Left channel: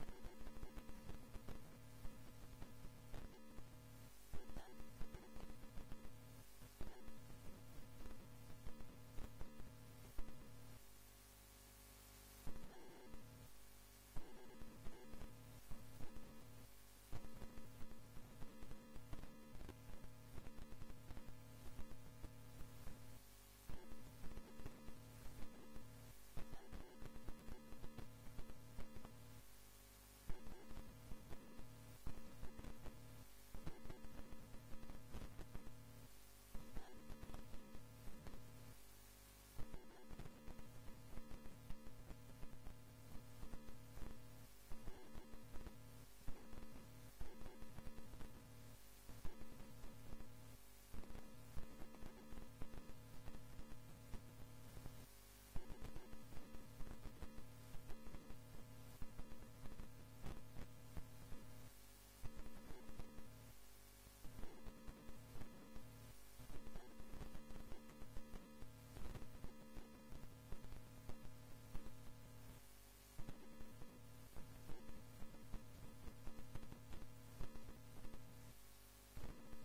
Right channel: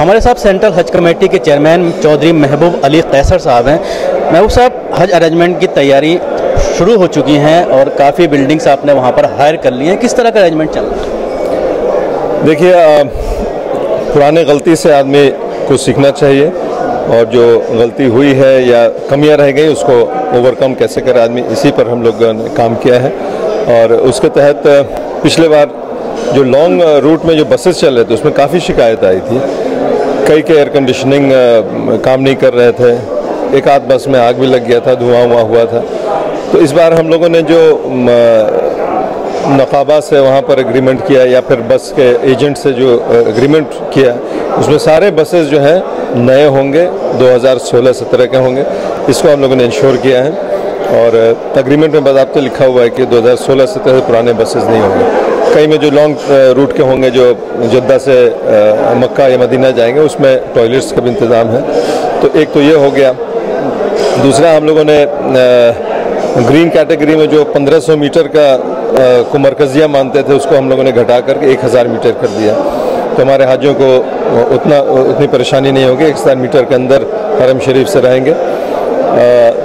हमारे साथ सेंट्रल हज कमेटी के चेयरमैन चौधरी महबूब अली कैसर साहब हैं। महबूब साहब, हज अरेंजमेंट की तैयारी शुरू हो चुकी हैं और काफ़ी बिल्डिंग्स आपने वहाँ पर हायर कर ली हैं, किस तरह का अरेंजमेंट चल रहा है? देखिए, पुराने गलती से आदमी को सीखना चाहिए और जो गलती हुई है या कमियां रह गई उसको ओवरकम कैसे करे आदमी, इसी पर हम लोग ने काम किया है। और उसके तहत पिछले बार जो लॉन्ग रूट में जो बसेस चल रहे थे उसमें काफ़ी शिकायत आई थी। कई के एयर कंडीशनिंग काम नहीं कर रहे थे, एक आध बस में आग भी लग गया था, धुआं हुआ था। तो इस बार हम लोगों ने जो नकाबा से वहाँ पर एग्रीमेंट किया या फिर बस के एजेंट से जो एग्रीमेंट किया, उसमें सारे बसेस जो हैं नए होंगे, 2016-17 के होंगे। इसको हम लोगों ने इंश्योर किया है और एग्रीमेंट में बाकायदा लिखा हुआ है कि 2016-17 से पुराने बसेस नहीं होंगे। कई में जो लॉन्ग रूट के होंगे, जो जद्दा से मक्का या मदीना जाएंगे, उसमें टॉयलेट्स का भी इंतज़ाम है। तो एक तो ये हो गया। दूसरा, हम लोगों ने ग्रीन कैटेगरी में जो 1500 मीटर का को मरकजिया मानते थे, उसको हम लोगों ने घटा करके 1000 मीटर कर दिया। तो हमारे हाजियों को उतनी परेशानी नहीं होगी, 1000 मीटर के अंदर हरम शरीफ से रहेंगे।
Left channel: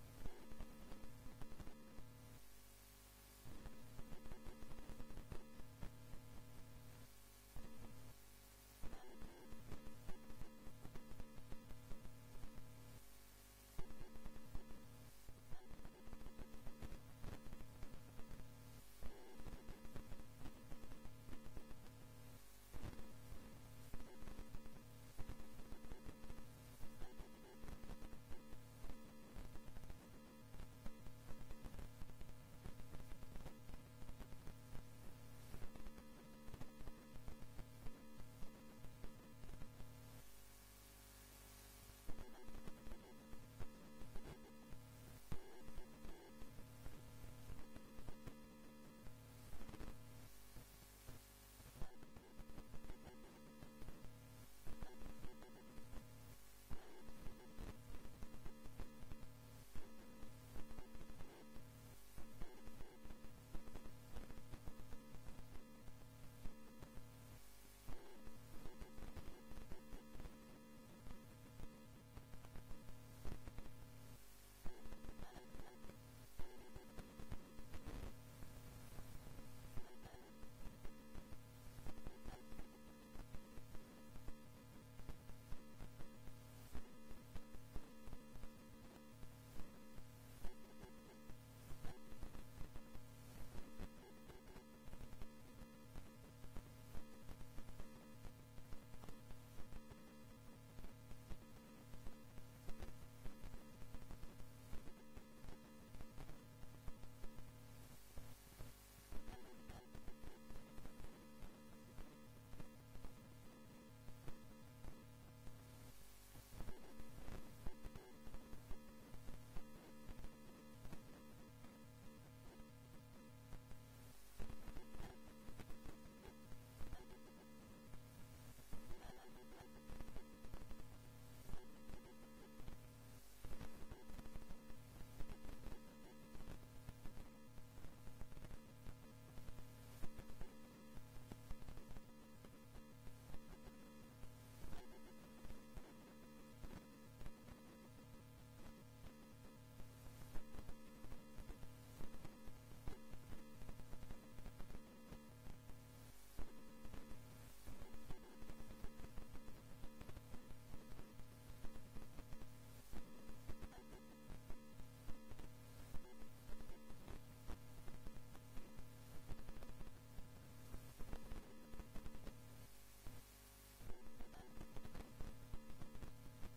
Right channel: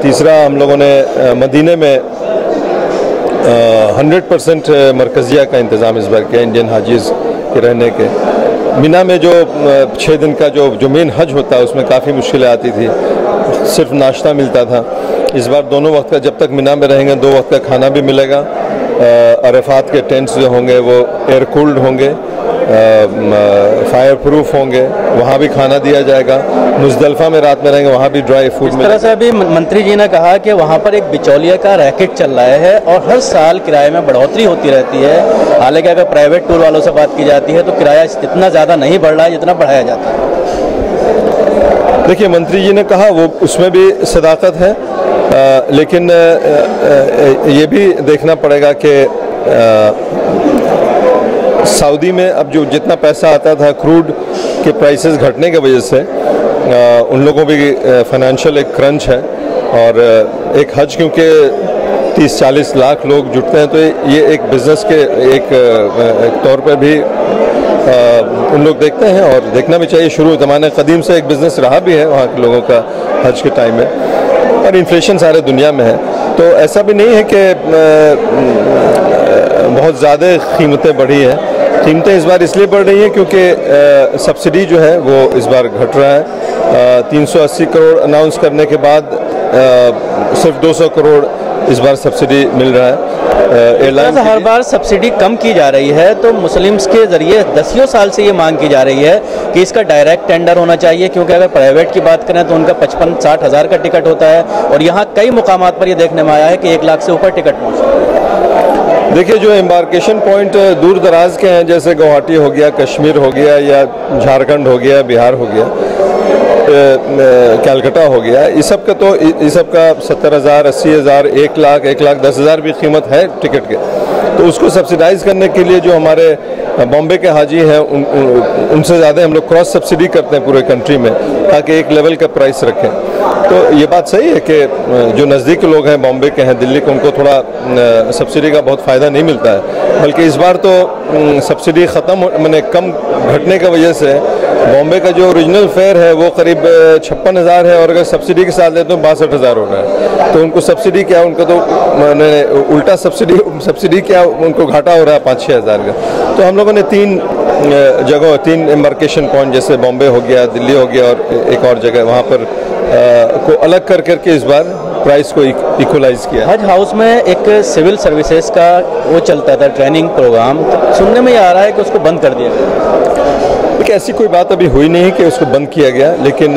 तीसरा, हम लोगों ने मदीने में 100% मरकजिया का इंतज़ाम इस बार किया इंडियन हाजीज़ के रहने के। मिना में जो 6 दिन का जो मेन हज होता है उसमें काफ़ी मुश्किलें आती थी, सिर्फ नाश्ता मिलता था। इस बार दोनों वक्त का, जब तक मिना में रहेंगे, 2 वक्त का खाना भी मिलेगा। अरफात के टेंट्स जो होंगे वो एयर कूल्ड होंगे, फायर प्रूफ होंगे, वहाँ भी खाना दिया जाएगा। मुज़दलिफ़ा में रात में रहेंगे, वहाँ भी ड्राई फूड मिलेगा। इस तरह से अभी मंत्री जी ने कहा कि वहाँ पर एक बिचौलिया का रैकेट चल रहा है और हर साल किराए में बढ़ोतरी होती रहती है। हालांकि अगर प्राइवेट टूर वालों से बात की जाती है तो किराया इतना ज़्यादा नहीं बढ़ रहा है जितना बढ़ाया जाता है। देखिए, मंत्री जी ने कहा, वो उसमें भी सदाकत है, लेकिन ये भी देखना पड़ेगा कि सऊदी में अब जो जितना पैसा आता था क्रूड के प्राइसेस घटने की वजह से उन लोगों भी फाइनेंशियल एक क्रंच है। और एक हज क्योंकि 30-40 लाख लोग जुटते हैं, तो ये एक बिज़नेस के एक तौर पर भी उन लोग देखते हैं और देखना भी चाहिए। शुरू ज़माने कदीम से एक बिज़नेस रहा भी है वहाँ के लोगों का हज के टाइम में। और इन्फ्लेशन सारे दुनिया में है, तो ऐसा भी नहीं है कि बहुत ज़्यादा कीमतें बढ़ी हैं। कीमतें इस बार इसलिए बढ़ रही हैं क्योंकि सब्सिडी जो है वो इस बार घट रहा है। 380 करोड़ अनाउंस करने के बाद सिर्फ 200 करोड़ इस बार सब्सिडी मिल रहा है। एयरलाइन हर बार सब्सिडी कम की जा रही है, तो मुस्लिम्स के ज़रिए दसियों साल से ये मांग की जा रही है कि इसका डायरेक्ट टेंडर होना चाहिए, क्योंकि अगर प्राइवेट की बात करें तो उनका 55-60 हज़ार का टिकट होता है और यहाँ कई मुकामात पर ये देखने में आया है कि 1 लाख से ऊपर टिकट पहुँचता है। देखिए, जो एम्बार्केशन पॉइंट दूर दराज के हैं, जैसे गुवाहाटी हो गया, कश्मीर हो गया, या झारखंड हो गया, बिहार हो गया, कलकत्ता हो गया, इस सब का 70,000, 80,000, 1 लाख, 1,10,000 भी कीमत है टिकट के। तो उसको सब्सिडाइज करने के लिए जो हमारे बॉम्बे के हाजी हैं उनसे ज़्यादा हम लोग क्रॉस सब्सिडी करते हैं पूरे कंट्री में, ताकि एक लेवल का प्राइस रखें। तो ये बात सही है कि जो नज़दीक के लोग हैं, बॉम्बे के हैं, दिल्ली के, उनको थोड़ा सब्सिडी का बहुत फ़ायदा नहीं मिलता है। बल्कि इस बार तो सब्सिडी ख़त्म मैंने कम घटने की वजह से बॉम्बे का जो ओरिजिनल फेयर है वो करीब 56,000 है और अगर सब्सिडी के साथ लेते तो 62,000 हो रहा है। तो उनको सब्सिडी क्या, उनको तो मैंने उल्टा सब्सिडी क्या, उनको घाटा हो रहा है 5-6 हज़ार का। तो हम लोगों ने 3 एम्बार्केशन पॉइंट, जैसे बॉम्बे हो गया, दिल्ली हो गया और एक और जगह, वहाँ पर को अलग करके इस बार प्राइस को इक्वलाइज किया। हज हाउस में एक सिविल सर्विसेज का वो चलता था ट्रेनिंग प्रोग्राम, सुनने में आ रहा है कि उसको बंद कर दिया गया। देखिए, ऐसी कोई बात अभी हुई नहीं कि उसको बंद किया गया, लेकिन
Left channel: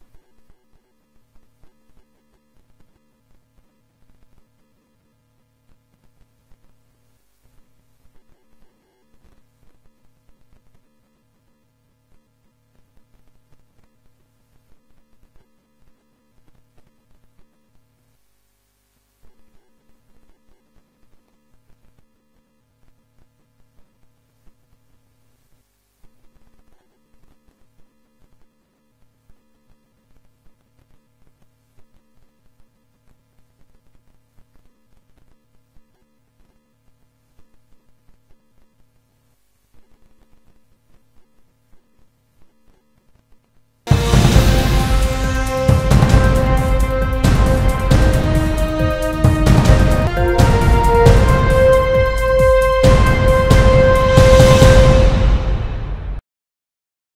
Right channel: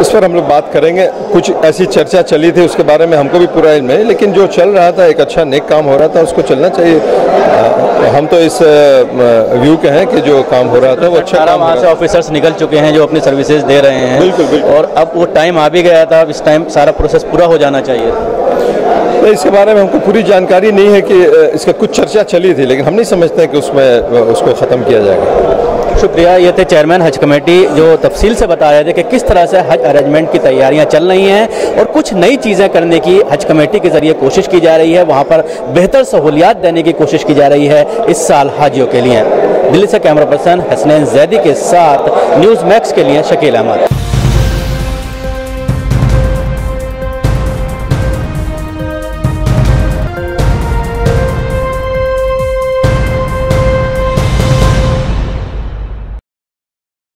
इस पर हम लोग बात करेंगे। कुछ ऐसी चर्चा चली थी, उसके बारे में हमको भी पूरा इल्म है, लेकिन जो चल रहा था, एक अच्छा नेक काम हो रहा था, उसको चलना चाहिए। हम तो इस व्यू के हैं कि जो काम हो रहा था वो अच्छा काम। वहाँ से ऑफिसर्स निकल चुके हैं जो अपनी सर्विसेज दे रहे हैं। बिल्कुल। और अब वो टाइम आ भी गया था, अब इस टाइम सारा प्रोसेस पूरा हो जाना चाहिए। तो इसके बारे में हमको पूरी जानकारी नहीं है कि इसका कुछ चर्चा चली थी, लेकिन हम नहीं समझते कि उसमें उसको ख़त्म किया जाएगा। शुक्रिया। ये थे चेयरमैन हज कमेटी जो तफसील से बता रहे थे कि किस तरह से हज अरेंजमेंट की तैयारियां चल रही हैं और कुछ नई चीज़ें करने की हज कमेटी के ज़रिए कोशिश की जा रही है। वहाँ पर बेहतर सहूलियात देने की कोशिश की जा रही है इस साल हाजियों के लिए। दिल्ली से कैमरा पर्सन हसनैन जैदी के साथ न्यूज़ मैक्स के लिए शकील अहमद।